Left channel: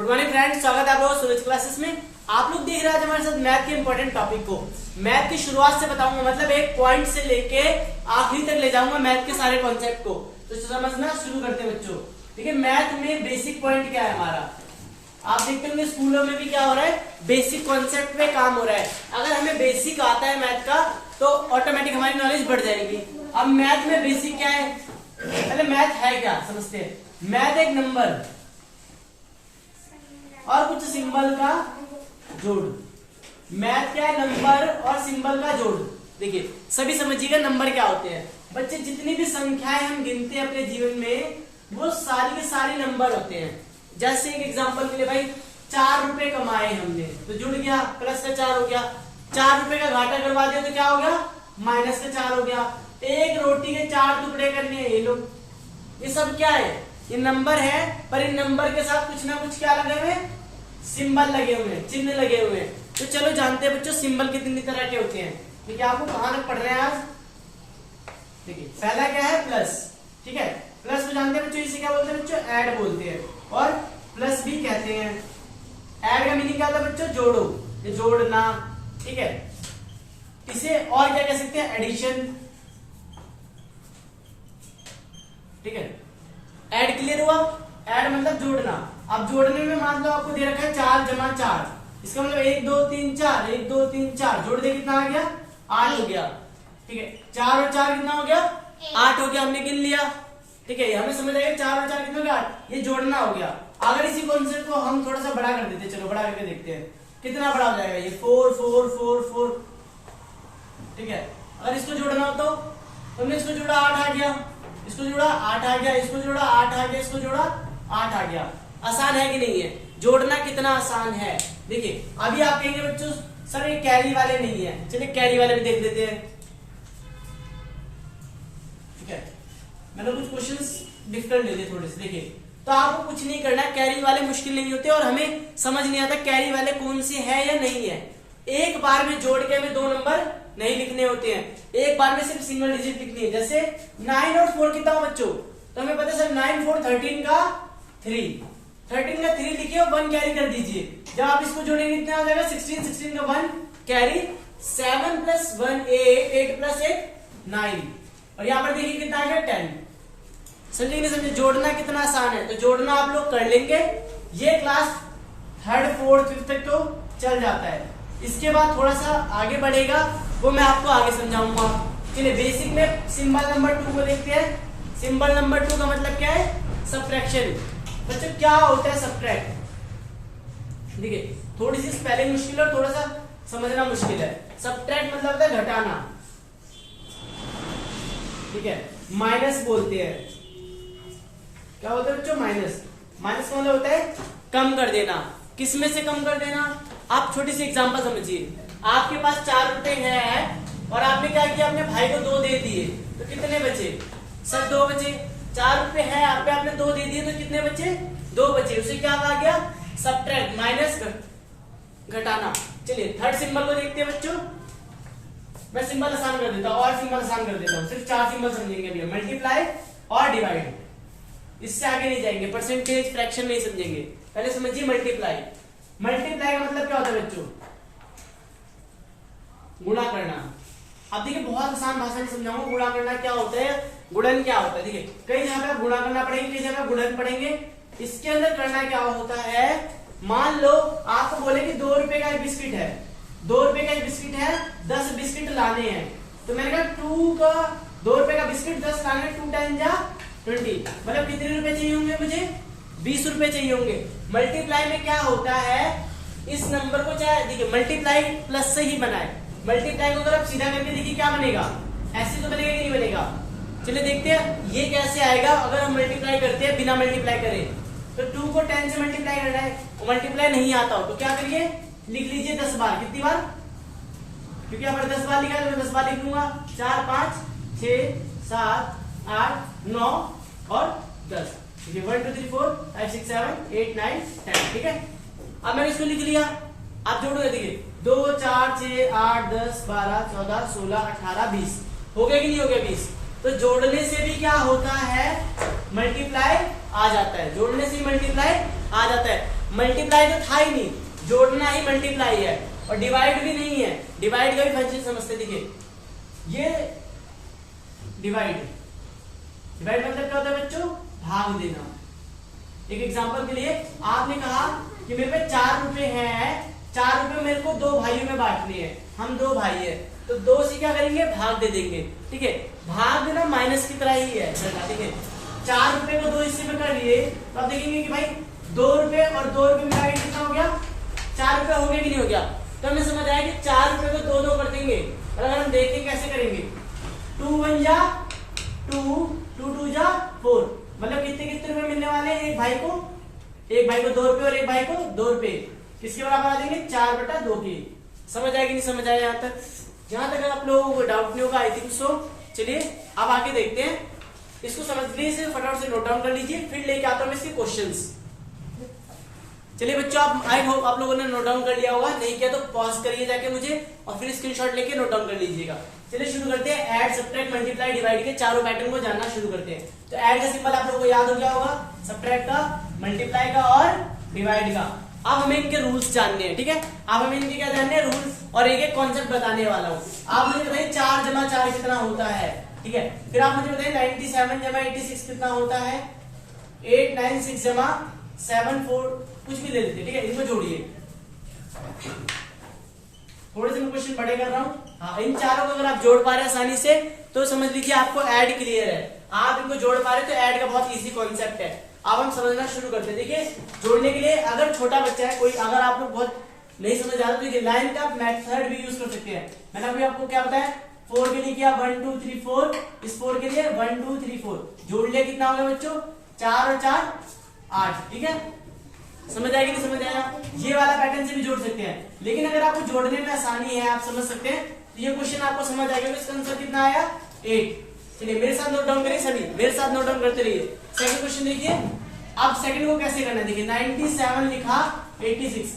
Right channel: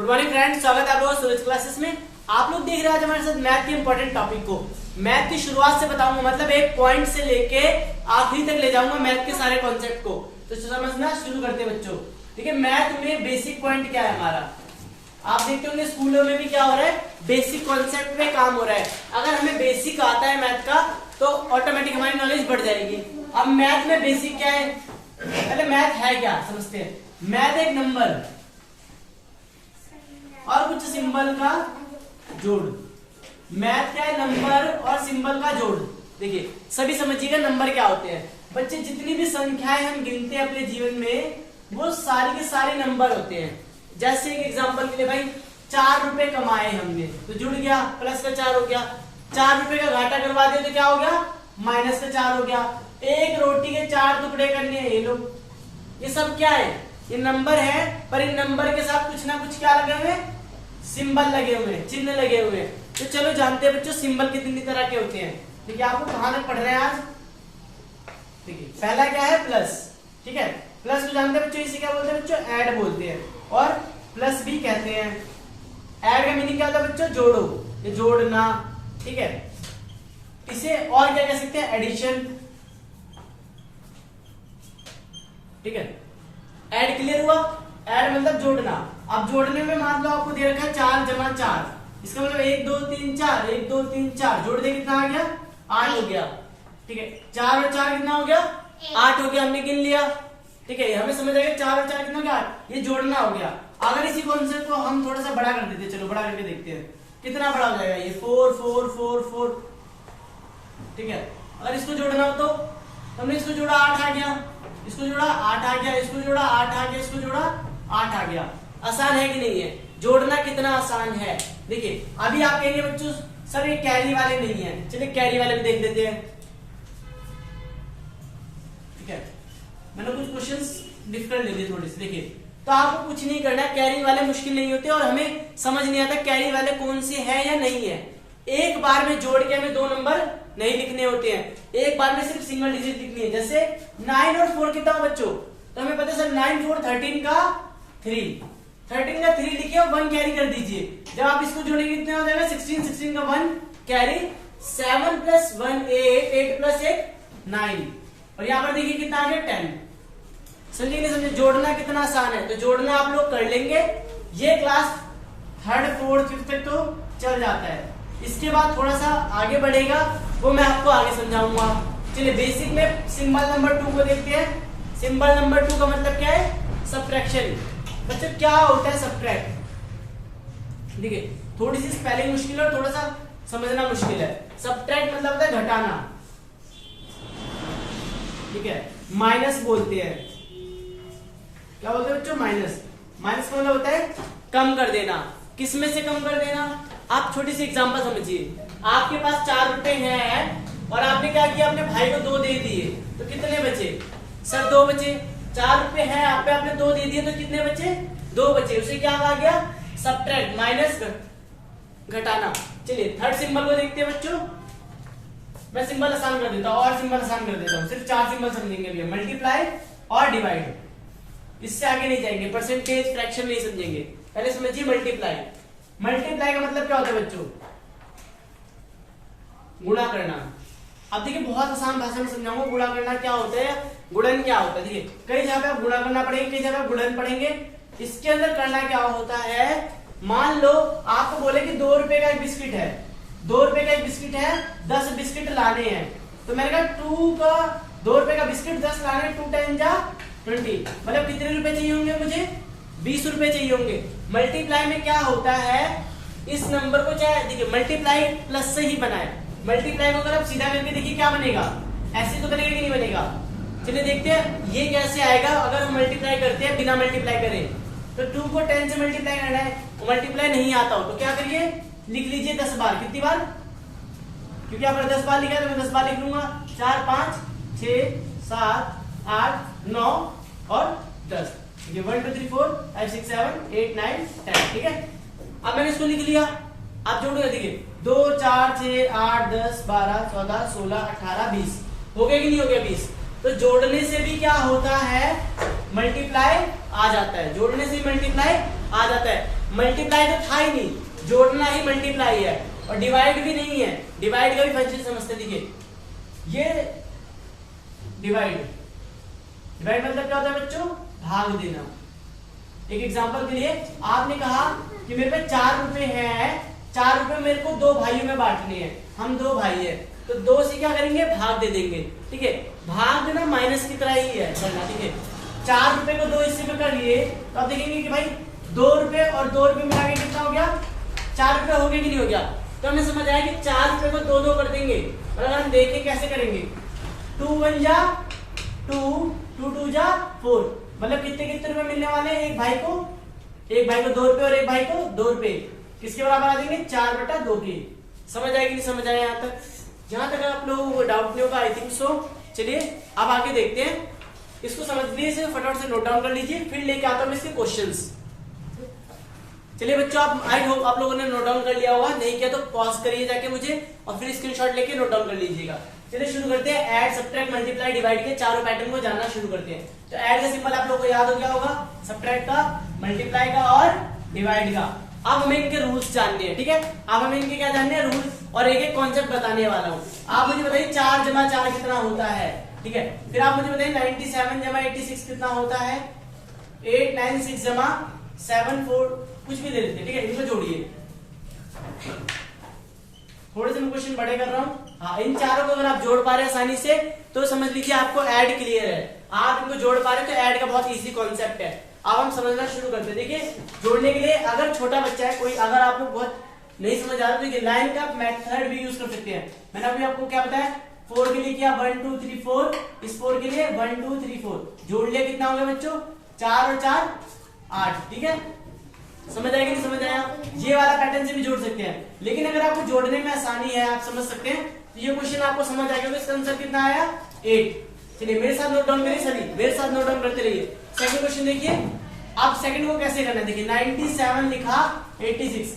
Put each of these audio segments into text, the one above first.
Good morning friends, स्वागत है आप लोगों सूरज क्लासेस में। आप लोग देख रहे हैं हमारे साथ मैथ के इंपॉर्टेंट टॉपिक को। मैथ की शुरुआत से बताऊंगा, मतलब एक पॉइंट से लेके आखिरी तक ले जाऊंगा मैथ के सारे कॉन्सेप्ट को। तो समझना शुरू करते हैं बच्चों। ठीक है, मैथ में बेसिक पॉइंट क्या है हमारा, आप देखते होंगे स्कूलों में भी क्या हो रहा है, बेसिक कॉन्सेप्ट पे काम हो रहा है। अगर हमें बेसिक आता है मैथ का तो ऑटोमेटिक हमारी नॉलेज बढ़ जाएगी। अब मैथ में बेसिक क्या है, पहले मैथ है क्या समझते हैं। मैथ एक नंबर और कुछ सिंबल का जोड़। मैथ क्या है, नंबर और सिंबल का जोड़। देखिए सभी समझिएगा नंबर क्या होते हैं बच्चे। जितनी भी संख्याएं हम गिनते हैं अपने जीवन में वो सारी के सारे नंबर होते हैं। जैसे एक एग्जांपल के लिए भाई 4 रुपए कमाए हमने तो जुड़ गया, प्लस का 4 हो गया। 4 रुपए का घाटा करवा दिया तो क्या हो गया, माइनस का 4 हो गया। एक रोटी के 4 टुकड़े करने हैं ये लोग, ये सब क्या है, ये नंबर है। पर इन नंबर के साथ कुछ ना कुछ क्या लगे हुए, सिंबल लगे हुए हैं, चिन्ह लगे हुए हैं। तो चलो जानते हैं बच्चों सिंबल कितनी तरह के होते हैं। ठीक है, आपको कहां तक पढ़ रहे हैं आज। देखिए पहला क्या है, प्लस। ठीक है, प्लस को जानते हैं बच्चों, इसे क्या बोलते हैं बच्चों, ऐड बोलते हैं और प्लस भी कहते हैं। ऐड का मीनिंग क्या होता है बच्चों, जोड़ो, ये जोड़ना। ठीक है, इसे और क्या कह सकते हैं, एडिशन। ठीक है, ऐड क्लियर हुआ। ऐड मतलब जोड़ना। अब जोड़ने में मान लो आपको दे रखा है 4 जमा 4, इसका मतलब 1 2 3 4, 1 2 3 4 जोड़ दे कितना आ गया, 8 हो गया। ठीक है, 4 और 4 कितना हो गया, 8 हो गया, हमने गिन लिया। ठीक है, हमें समझ आएगा 4 और 4 कितना हो गया, 8, ये जोड़ना हो गया। अगर इसी कॉन्सेप्ट को हम थोड़ा सा बड़ा कर देते, चलो बड़ा करके देखते हैं कितना बड़ा हो जाएगा ये, 4 4 4 4। ठीक है, अगर इसको जोड़ना हो तो हमने इसको जोड़ा 8 आ गया, इसको जोड़ा 8 आ गया, इसको जोड़ा 8 आ गया, इसको जोड़ा 8 आ गया। आसान है कि नहीं है, जोड़ना कितना आसान है। देखिए अभी आप कहेंगे बच्चों सर ये कैरी वाले नहीं है, चलिए कैरी वाले भी देख लेते हैं। ठीक है, मैंने कुछ क्वेश्चंस डिफिकल्ट ले लिए थोड़े से। देखिए तो आपको कुछ नहीं करना, कैरी वाले मुश्किल नहीं होते और हमें समझ नहीं आता कैरी वाले कौन से है या नहीं है। एक बार में जोड़ के हमें 2 नंबर नहीं लिखने होते हैं, एक बार में सिर्फ सिंगल डिजिट लिखनी है। जैसे 9 और 4 कितना हो बच्चों, तो हमें पता सर 9 4 13 का 3, 13 का 3 लिखिए और 1 कैरी कर दीजिए। जब आप इसको जोड़ेंगे कितना हो जाएगा, 16, 16 का 1 कैरी, 7 प्लस 1 8, 8 प्लस 1 9, और यहाँ पर देखिए कितना आ गया 10। समझे नहीं समझे, जोड़ना कितना आसान है। तो जोड़ना आप लोग कर लेंगे, ये क्लास 3rd 4th 5th तक तो चल जाता है। इसके बाद थोड़ा सा आगे बढ़ेगा वो मैं आपको आगे समझाऊंगा। चलिए बेसिक में सिंबल नंबर 2 को देखते हैं। सिंबल नंबर 2 का मतलब क्या है, सब्ट्रैक्शन। बच्चों क्या होता है सब्ट्रैक्ट, देखिए थोड़ी सी स्पेलिंग मुश्किल है और थोड़ा सा समझना मुश्किल है। सब्ट्रैक्ट मतलब होता है घटाना। ठीक है, माइनस बोलते हैं, क्या बोलते हैं बच्चों, माइनस। माइनस का मतलब होता है कम कर देना। किस में से कम कर देना, आप छोटी सी एग्जांपल समझिए। आपके पास 4 रुपए है और आपने क्या किया, अपने भाई को 2 दे दिए तो कितने बचे सर, 2 बचे। 4 रुपए है आप पे, आपने 2 दे दिए तो कितने बचे, 2 बचे। उसे क्या कहा गया, सब्ट्रैक्ट, माइनस, घटाना। चलिए 3rd सिंबल को देखते हैं बच्चों। मैं सिंबल आसान कर देता हूँ और सिंबल आसान कर देता हूँ, सिर्फ 4 सिंबल समझेंगे भैया, मल्टीप्लाई और डिवाइड। इससे आगे नहीं जाएंगे, परसेंटेज फ्रैक्शन नहीं समझेंगे। पहले समझिए मल्टीप्लाई। मल्टीप्लाई का मतलब क्या होता है बच्चों, गुणा करना। अब देखिए बहुत आसान भाषा में समझाऊंगा गुणा करना क्या होता है, गुणन क्या होता है। देखिए कई जगह पे आप गुणा करना पड़ेंगे, कई जगह गुणन पढ़ेंगे। इसके अंदर करना क्या होता है, मान लो आपको बोले कि 2 रुपए का एक बिस्किट है, 2 रुपए का एक बिस्किट है, 10 बिस्किट लाने हैं। तो मैंने कहा 2 रुपए का बिस्किट 10 लाने, 2 10 जा 20, मतलब कितने रुपए चाहिए होंगे मुझे, 20 रुपए चाहिए होंगे। मल्टीप्लाई में क्या होता है, इस नंबर को चाहे देखिए मल्टीप्लाई प्लस से ही बनाए। मल्टीप्लाई को अगर आप सीधा करके देखिए क्या बनेगा, ऐसे तो बनेगा कि नहीं बनेगा। चलिए देखते हैं ये कैसे आएगा अगर हम मल्टीप्लाई करते हैं बिना मल्टीप्लाई करें। तो 2 को 10 से मल्टीप्लाई करना है, मल्टीप्लाई नहीं आता हो तो क्या करिए, लिख लीजिए 10 बार। कितनी बार, क्योंकि यहाँ पर 10 बार लिखा है तो मैं 10 बार लिख लूंगा। 4 5 6 7 8 9 और 10। 1 2 3 4 5 6 7 8 9 10। ठीक है, अब मैंने इसको लिख लिया। आप जोड़ो, देखिए 2 4 6 8 10 12 14 16 18 20 हो गया कि नहीं हो गया 20। तो जोड़ने से भी क्या होता है, मल्टीप्लाई आ जाता है, जोड़ने से मल्टीप्लाई आ जाता है। मल्टीप्लाई तो था ही नहीं, जोड़ना ही मल्टीप्लाई है, और डिवाइड भी नहीं है, डिवाइड का भी फंक्शन समझते। देखिए ये डिवाइड, डिवाइड मतलब क्या होता है बच्चों, भाग देना। एक एग्जांपल के लिए आपने कहा कि मेरे पे 4 रुपए हैं, 4 रुपए मेरे को 2 भाइयों में बांटने हैं, हम 2 भाई है, तो 2 से क्या करेंगे, भाग दे देंगे। ठीक है, भाग देना माइनस की तरह ही है करना। ठीक है, 4 रुपए को 2 हिस्से में कर लिए, तो आप देखेंगे कि भाई 2 रुपए और 2 रुपए मिला के कितना हो गया, 4 रुपए हो गया कि नहीं हो गया। तो हमें समझ आया कि 4 रुपए को 2 कर देंगे, और अगर हम देखें कैसे करेंगे, 2 1 जा 2, 2 2 जा 4, मतलब कितने कितने रुपए मिलने वाले हैं एक भाई को, 2 रुपए और एक भाई को 2 रुपए, किसके बराबर आ देंगे, 4/2 के। समझ आएगी नहीं समझ आए यहाँ तक? जहां तक आप लोगों को डाउट नहीं होगा, आई थिंक सो। चलिए अब आगे देखते हैं, इसको समझ लीजिए, फटाफट से नोट डाउन कर लीजिए, फिर लेके आता हूं इसके क्वेश्चंस। चलिए बच्चों, आप आई होप आप लोगों ने नोट डाउन कर लिया होगा, नहीं किया तो पॉज करिए जाके मुझे, और फिर स्क्रीनशॉट लेके नोट डाउन कर लीजिएगा। चलिए शुरू करते हैं, ऐड सब्ट्रैक्ट मल्टीप्लाई डिवाइड के चारों पैटर्न को जानना शुरू करते हैं। तो ऐड का सिंबल आप लोगों को याद हो गया होगा, सब्ट्रैक्ट का, मल्टीप्लाई का और डिवाइड का। अब हमें इनके रूल्स जानने हैं। ठीक है, अब हमें इनके क्या जानने हैं, रूल्स, और एक एक कॉन्सेप्ट बताने वाला हूँ। आप मुझे बताइए 4 जमा 4 कितना होता है। ठीक है, फिर आप मुझे बताइए 97 जमा 86 कितना होता है, 896 जमा 74, कुछ भी ले लेते। ठीक है, इनको जोड़िए, थोड़े से मैं क्वेश्चन बड़े कर रहा हूँ। हाँ, इन चारों को अगर आप जोड़ पा रहे हैं आसानी से, तो समझ लीजिए आपको ऐड क्लियर है। आप इनको जोड़ पा रहे हैं तो ऐड का बहुत इजी कॉन्सेप्ट है। अब हम समझना शुरू करते हैं। देखिए, जोड़ने के लिए अगर छोटा बच्चा है कोई, अगर आपको बहुत नहीं समझ आ रहा तो लाइन का मेथड भी यूज कर सकते हैं। मैंने अभी आपको क्या बताया, 4 के लिए किया 1 2 3 4, इस 4 के लिए 1 2 3 4, जोड़ लिया कितना होगा बच्चों, 4 और 4 8। ठीक है, समझ आएगी नहीं समझ आया? ये वाला पैटर्न से भी जोड़ सकते हैं, लेकिन अगर आपको जोड़ने में आसानी है, आप समझ सकते हैं, तो ये क्वेश्चन आपको समझ आ गया। इसका आंसर कितना आया, 8। चलिए मेरे साथ नोट डाउन करिए, सभी मेरे साथ नोट डाउन करते रहिए। सेकंड क्वेश्चन देखिए, अब सेकंड को कैसे करना है। देखिए 97 लिखा 86,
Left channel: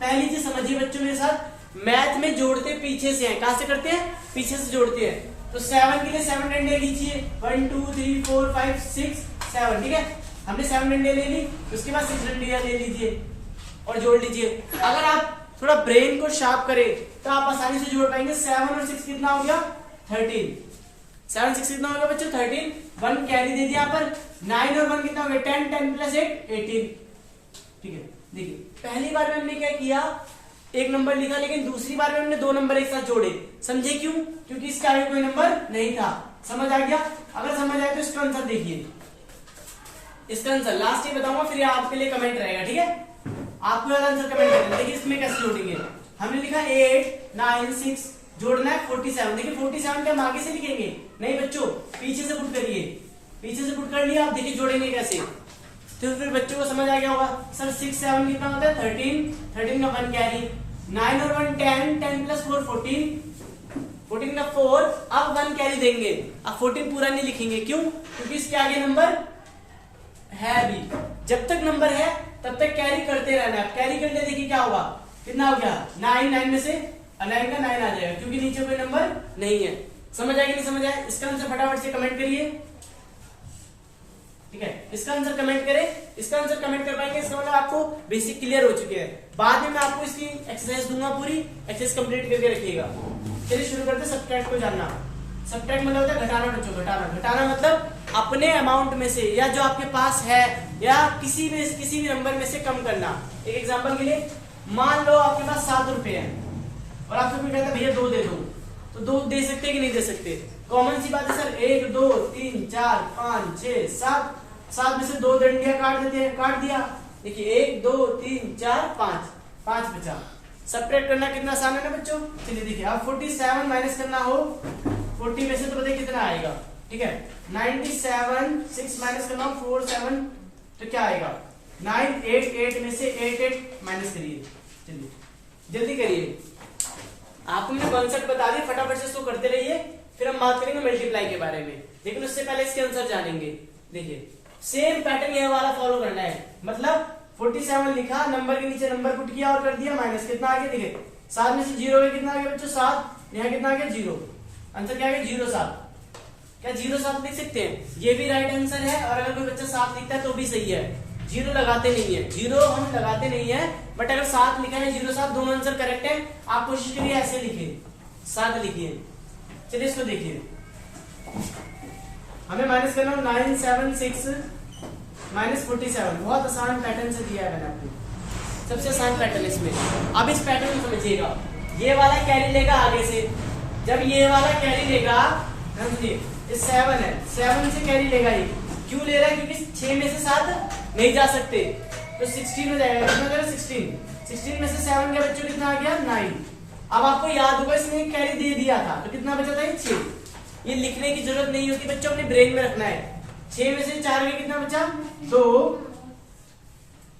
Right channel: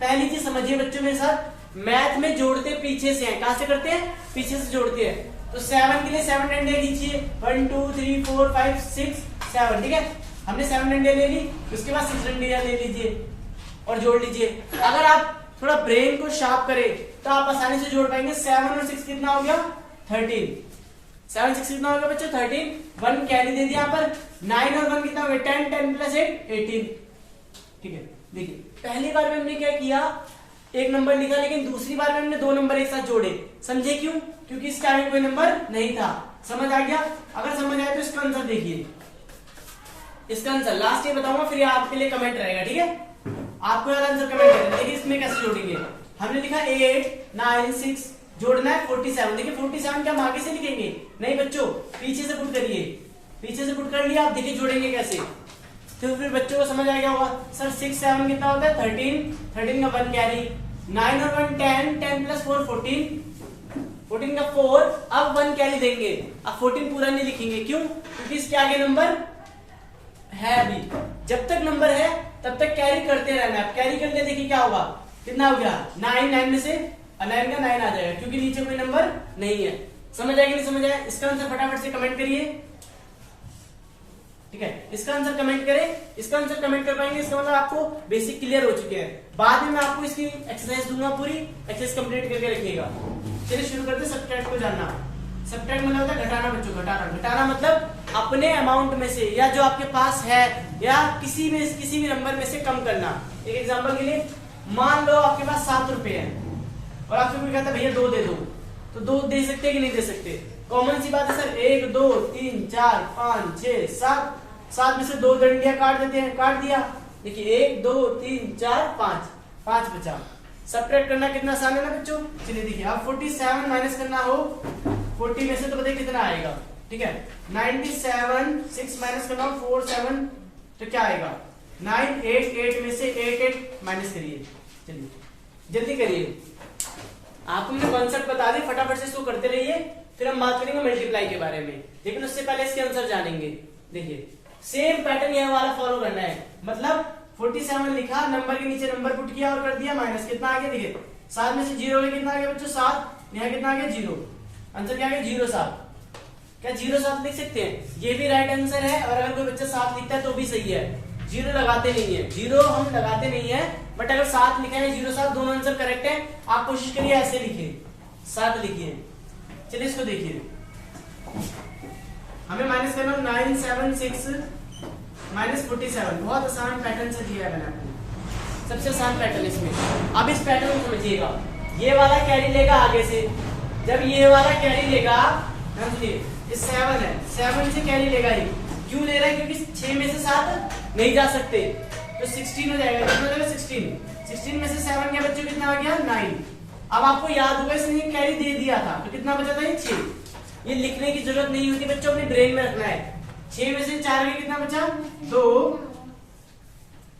पहली चीज समझिए बच्चों मेरे साथ, मैथ में जोड़ते पीछे से हैं, कहां से करते हैं, पीछे से जोड़ते हैं। तो 7 के लिए 7 डंडे खींचिए, 1 2 3 4 5 6 7। ठीक है, हमने 7 डंडे ले ली, उसके बाद 6 डंडे ले लीजिए और जोड़ लीजिए। अगर आप थोड़ा ब्रेन को शार्प करें तो आप आसानी से जोड़ पाएंगे। 7 और 6 कितना हो गया, 13। 7 6 कितना हो गया बच्चों, 13। 1 कैरी दे दिया यहाँ पर, 9 और 1 कितना हो गया, 10 10 प्लस 8 18। ठीक है, देखिए पहली बार में हमने क्या किया, एक नंबर लिखा, लेकिन दूसरी बार में हमने 2 नंबर एक साथ जोड़े। समझे क्यों, क्योंकि इसके आगे कोई नंबर नहीं था। समझ आ गया? अगर समझ आए तो इसका आंसर देखिए, इसका आंसर लास्ट ये बताऊंगा, फिर आपके लिए कमेंट रहेगा। ठीक है, आपको आंसर कमेंट करेंगे। देखिए इसमें कैसे जोड़ेंगे, हमने लिखा 8 9 6, जोड़ना है 47। देखिए 47 क्या हम आगे से लिखेंगे, नहीं बच्चों, पीछे से पुट करिए, पीछे से पुट कर लिया। आप देखिए जोड़ेंगे कैसे, फिर बच्चों को समझ आ गया होगा। सर 6 7 कितना होता है, 13, 13 का 1 कैरी, 9 और 1 10, 10 प्लस 4 14, 14 का 4, अब 1 कैरी देंगे। अब 14 पूरा नहीं लिखेंगे, क्यों, क्योंकि इसके आगे नंबर है भी। जब तक नंबर है तब तक कैरी करते रहना है। कैरी करने देखिए क्या होगा, कितना हो गया, 9 9 में से 9 का 9 आ जाएगा, क्योंकि नीचे कोई नंबर नहीं है। समझ आएगी नहीं समझ आए? इसका आंसर फटाफट से कमेंट करिए। ठीक है, इसका आंसर कमेंट करें, इसका आंसर कमेंट कर पाएंगे, इसका मतलब आपको बेसिक क्लियर हो चुके हैं। बाद में मैं आपको इसकी एक्सरसाइज दूंगा, पूरी एक्सरसाइज कंप्लीट करके रखिएगा। चलिए शुरू करते हैं सब्ट्रैक्ट को जानना। सब्ट्रैक्ट मतलब होता है घटाना बच्चों, घटाना। घटाना मतलब अपने अमाउंट में से, या जो आपके पास है, या किसी भी नंबर में से कम करना। एक एग्जांपल के लिए, मान लो आपके पास 7 रुपए है और आपसे कोई कहता है भैया 2 दे दो, तो 2 दे सकते कि नहीं दे सकते? कॉमन सी बात है सर, 1 2 3 4 5 6 7, 7 में से 2 डंडियां काट देते हैं, काट दिया। देखिए 1 2 3 4 5, 5 बचा। सब्ट्रैक्ट करना कितना आसान है ना बच्चों। चलिए देखिए, अब 47 माइनस करना हो 40 में से, तो बताइए कितना आएगा। ठीक है, 97 6 माइनस करना हो 4 7, तो क्या आएगा, 9 8 8 में से 8 8 माइनस करिए। चलिए जल्दी करिए, आपको मैंने कॉन्सेप्ट बता दी, फटाफट से इसको करते रहिए, फिर हम बात करेंगे मल्टीप्लाई के बारे में। लेकिन उससे पहले इसके आंसर जानेंगे। देखिए सेम पैटर्न ये वाला फॉलो करना है, मतलब 47 लिखा, नंबर के नीचे नंबर पुट किया और कर दिया माइनस, कितना आ गया, देखिए 7 में से 0 में कितना आ गया बच्चों, 7, यहाँ कितना आ गया 0, आंसर क्या आ गया 0 7। क्या 0 7 लिख सकते हैं? ये भी राइट आंसर है, और अगर कोई बच्चा 7 लिखता है तो भी सही है। जीरो लगाते नहीं है, जीरो हम लगाते नहीं है, बट अगर 7 लिखा है 0 7 दोनों आंसर करेक्ट है। आप कोशिश करिए ऐसे लिखिए, 7 लिखिए। चलिए इसको देखिए, हमें माइनस करना 9 7 6 -47। बहुत आसान पैटर्न से दिया है मैंने आपको, सबसे आसान पैटर्न इसमें। अब इस पैटर्न को समझिएगा, ये वाला कैरी लेगा आगे से, जब ये वाला कैरी लेगा, समझिए ये 7 है, 7 से कैरी लेगा। ये क्यों ले रहा है? क्योंकि 6 में से 7 नहीं जा सकते, तो 16 हो जाएगा। कितना जाएगा? 16 में से 7 गया बच्चों, कितना आ गया? 9। अब आपको याद होगा इसने कैरी दे दिया था, तो कितना बचा था? 6। ये लिखने की जरूरत नहीं होती बच्चों, अपने ब्रेन में रखना है। 6 में से 4 गया, कितना बचा? 2।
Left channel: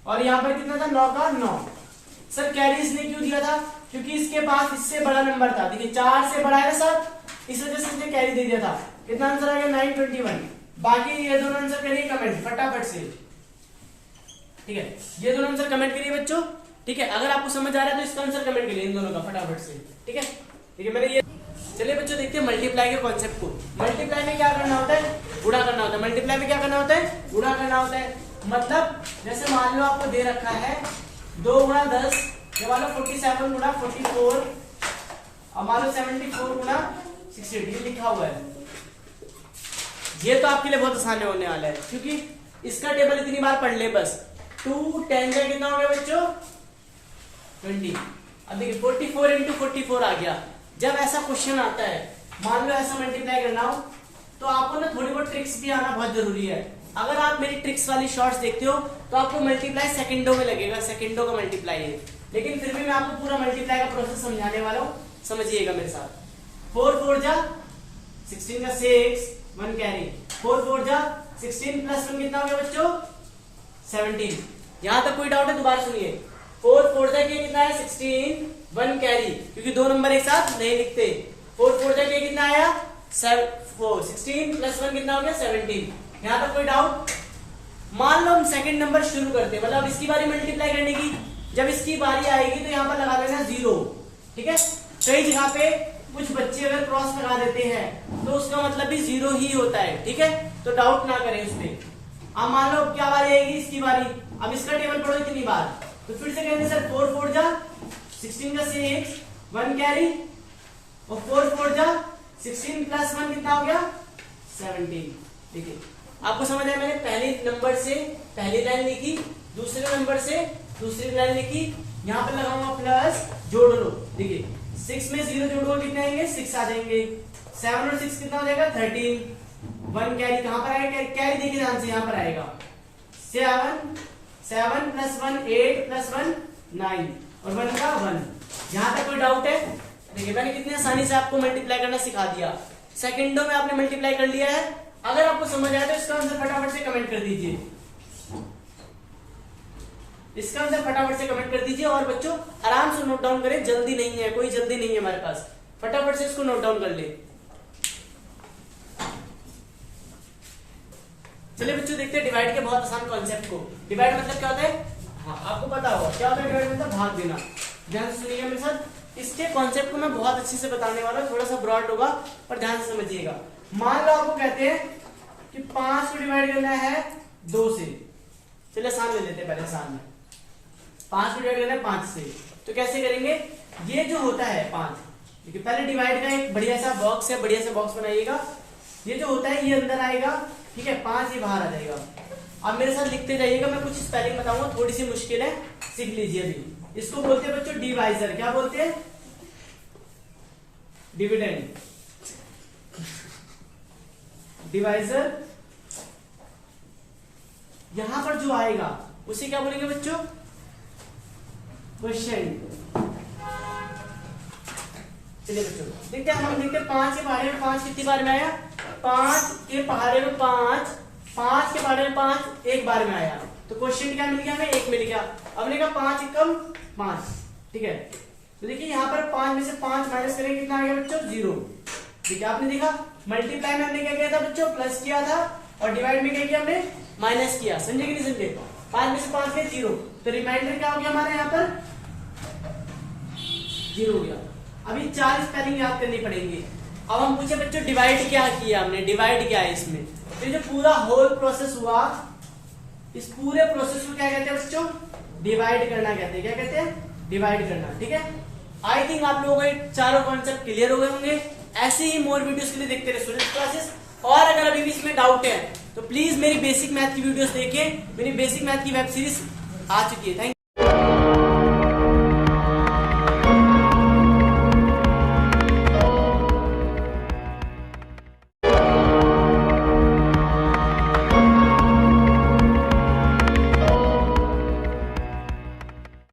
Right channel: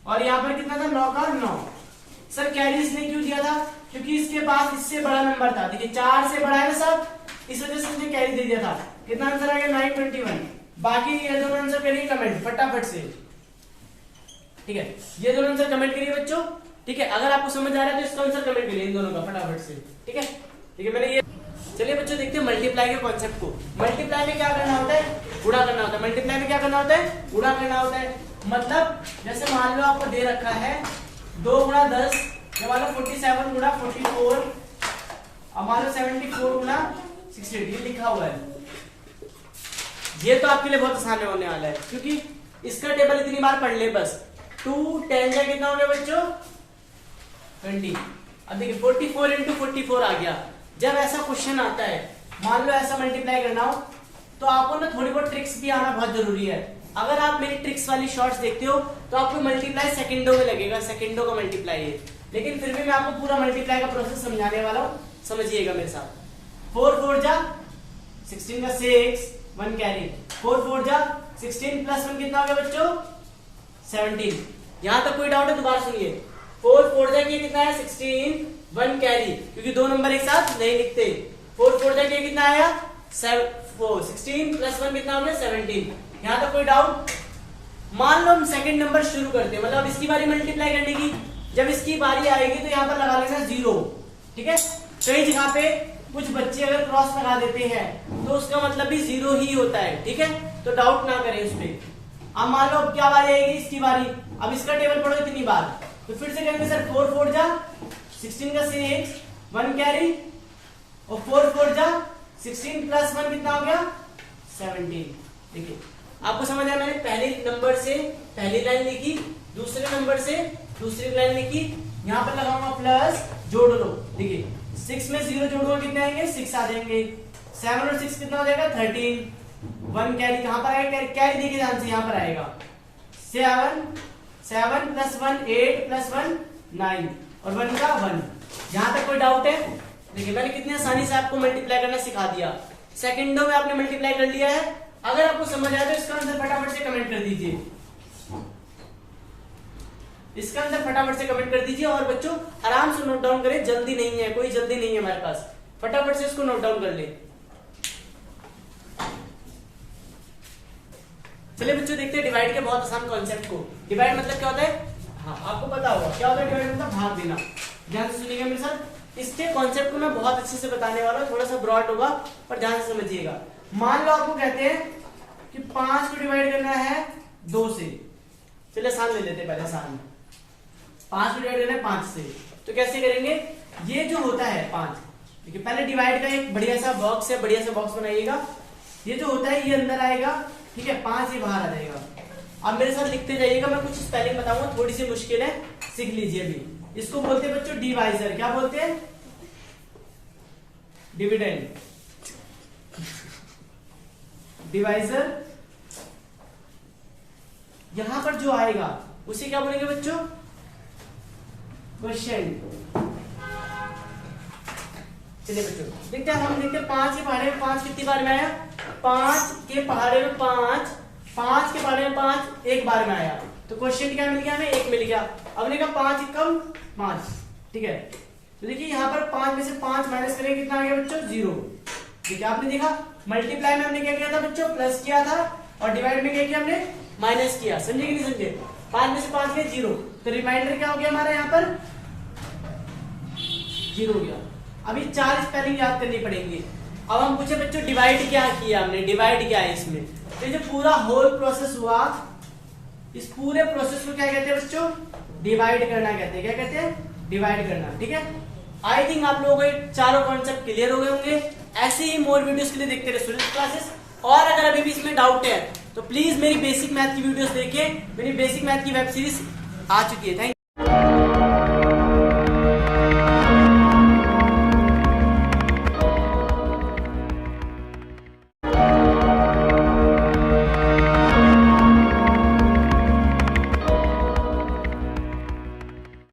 और यहाँ पर कितना था? 9 का 9। सर कैरी इसने क्यों दिया था? क्योंकि इसके पास इससे बड़ा नंबर था। देखिए 4 से बड़ा है ना 7, इस वजह से मुझे कैरी दे दिया था। कितना आंसर आ गया? 921। बाकी ये दोनों आंसर करिए कमेंट फटाफट से, ठीक है? ये दोनों आंसर कमेंट करिए बच्चों, ठीक है? अगर आपको समझ आ रहा है तो इसका आंसर कमेंट करिए, इन दोनों का फटाफट से, ठीक है? ठीक है, मैंने ये। चलिए बच्चों देखते हैं मल्टीप्लाई के कॉन्सेप्ट को। मल्टीप्लाई में क्या करना होता है? गुणा करना होता है। मल्टीप्लाई में क्या करना होता है? गुणा करना होता है। मतलब जैसे मान लो आपको दे रखा है 2 गुणा 10, या मान लो 47 गुणा 44, और मान लो 74 गुणा 68, ये लिखा हुआ है। ये तो आपके लिए बहुत आसान होने वाला है, क्योंकि इसका टेबल इतनी बार पढ़ ले बस। 2 10 का कितना हो गया बच्चों? 20। अब देखिए 44 इंटू 44 आ गया। जब ऐसा क्वेश्चन आता है, मान लो ऐसा मल्टीप्लाई करना हो, तो आपको ना थोड़ी बहुत ट्रिक्स भी आना बहुत जरूरी है। अगर आप मेरी ट्रिक्स वाली शॉर्ट्स देखते हो तो आपको मल्टीप्लाई सेकंडों में लगेगा, सेकंडों का मल्टीप्लाई है, लेकिन फिर भी मैं आपको पूरा मल्टीप्लाई का प्रोसेस समझाने वाला हूं, समझिएगा मेरे साथ। 4 4 जा 16 का 6, 1 कैरी। 4 4 जा 16 प्लस 1 कितना हो गया बच्चों? 17। यहां तक कोई डाउट है? दोबारा सुनिए। 4 4 जा किया कितना है? 16, 1 कैरी, क्योंकि दो नंबर एक साथ नहीं लिखते। 4 4 जा किया कितना आया? 16 प्लस 1 कितना हो गया? 17। यहां तक कोई डाउट? मान लो हम सेकंड नंबर शुरू करते हैं, मतलब इसकी बारी मल्टीप्लाई करने की। जब इसकी बारी आएगी तो यहाँ पर लगा लेना 0, ठीक है? कई जगह पे कुछ बच्चे अगर क्रॉस लगा देते हैं तो उसका मतलब भी 0 ही होता है, ठीक है? तो डाउट ना करें उसमें। अब मान लो अब क्या बारी आएगी? इसकी बारी। अब इसका टेबल पढ़ो इतनी बार, तो फिर से कहेंगे सर 4 4 जा 16 का 6, 1 कैरी, और 4 4 जा 16 प्लस 1 कितना हो गया? 17। देखिए आपको समझ आया? मैंने पहले नंबर से पहली लाइन लिखी, दूसरे नंबर से दूसरी लाइन लिखी, यहां पर लगाऊंगा प्लस, जोड़ लो। देखिए 6 में 0 जोड़ो कितने आएंगे? 6 आ जाएंगे। 7 और 6 कितना हो जाएगा? 13। 1 कैरी कहां पर आएगा? कैरी देखिए ध्यान से, यहां पर आएगा 7 प्लस 1 8 प्लस 1 9, और 1 का 1। यहां तक कोई डाउट है? देखिए मैंने कितने आसानी से आपको मल्टीप्लाई करना सिखा दिया, सेकंडों में आपने मल्टीप्लाई कर लिया है। अगर आपको समझ आया तो इसका आंसर फटाफट से कमेंट कर दीजिए, इसका आंसर फटाफट से कमेंट कर दीजिए। और बच्चों आराम से नोट डाउन करें, जल्दी नहीं है, कोई जल्दी नहीं है हमारे पास, फटाफट से इसको नोट डाउन कर ले। चलिए बच्चों देखते हैं डिवाइड के बहुत आसान कॉन्सेप्ट को। डिवाइड मतलब क्या होता है? हाँ आपको पता होगा क्या होता है डिवाइड मतलब? भाग देना। ध्यान से सुनिएगा मेरे साथ, इसके कॉन्सेप्ट को मैं बहुत अच्छे से बताने वाला हूँ, थोड़ा सा ब्रॉड होगा पर ध्यान से समझिएगा। मान लो आपको कहते हैं कि 5 को डिवाइड करना है 2 से। चलिए आसान ले लेते हैं, पहले आसान 5 को डिवाइड करना है 5 से, तो कैसे करेंगे? ये जो होता है 5, देखिए पहले डिवाइड का एक बढ़िया सा बॉक्स है, बढ़िया सा बॉक्स बनाइएगा। ये जो होता है ये अंदर आएगा, ठीक है? 5 ये बाहर आ जाएगा। अब मेरे साथ लिखते जाइएगा, मैं कुछ स्पेलिंग बताऊंगा, थोड़ी सी मुश्किल है, सीख लीजिए अभी। इसको बोलते हैं बच्चों डिवाइजर। क्या बोलते हैं? Dividend, divisor. यहां पर जो आएगा उसे क्या बोलेंगे बच्चों? क्वेश्चन। चलिए बच्चों देखते हैं, हम देखते हैं 5 के पहाड़े में 5 कितनी बार में आया? 5 के पहाड़े में 5, 5 के पहाड़े में 5 एक बार में आया, तो क्वेश्चन क्या मिल गया हमें? 1 मिल गया। अब ने कहा 5 एकम 5, ठीक है? तो देखिए यहाँ पर 5 में से 5 माइनस करेंगे, कितना आ गया बच्चों? 0। ठीक है, आपने देखा मल्टीप्लाई में हमने क्या किया था बच्चों? प्लस किया था, और डिवाइड में क्या किया हमने? माइनस किया। समझे कि नहीं समझे? 5 में से 5 गया 0, तो रिमाइंडर क्या हो गया हमारे यहाँ पर? 0 हो गया। अभी 4 स्पेलिंग याद करनी पड़ेंगी। अब हम पूछे बच्चों डिवाइड क्या किया हमने? डिवाइड क्या है इसमें? तो जो पूरा होल प्रोसेस हुआ इस पूरे प्रोसेस को क्या कहते हैं बच्चों? डिवाइड करना कहते हैं। क्या कहते हैं? डिवाइड करना। ठीक है, आई थिंक आप लोगों को ये चारों कॉन्सेप्ट क्लियर हुए होंगे। ऐसे ही मोर वीडियोस के लिए देखते रहे स्टूडेंट क्लासेस। और अगर अभी भी इसमें डाउट है तो प्लीज मेरी बेसिक मैथ की वीडियोस देखिए। मेरी बेसिक मैथ की वेब सीरीज आ चुकी है। थैंक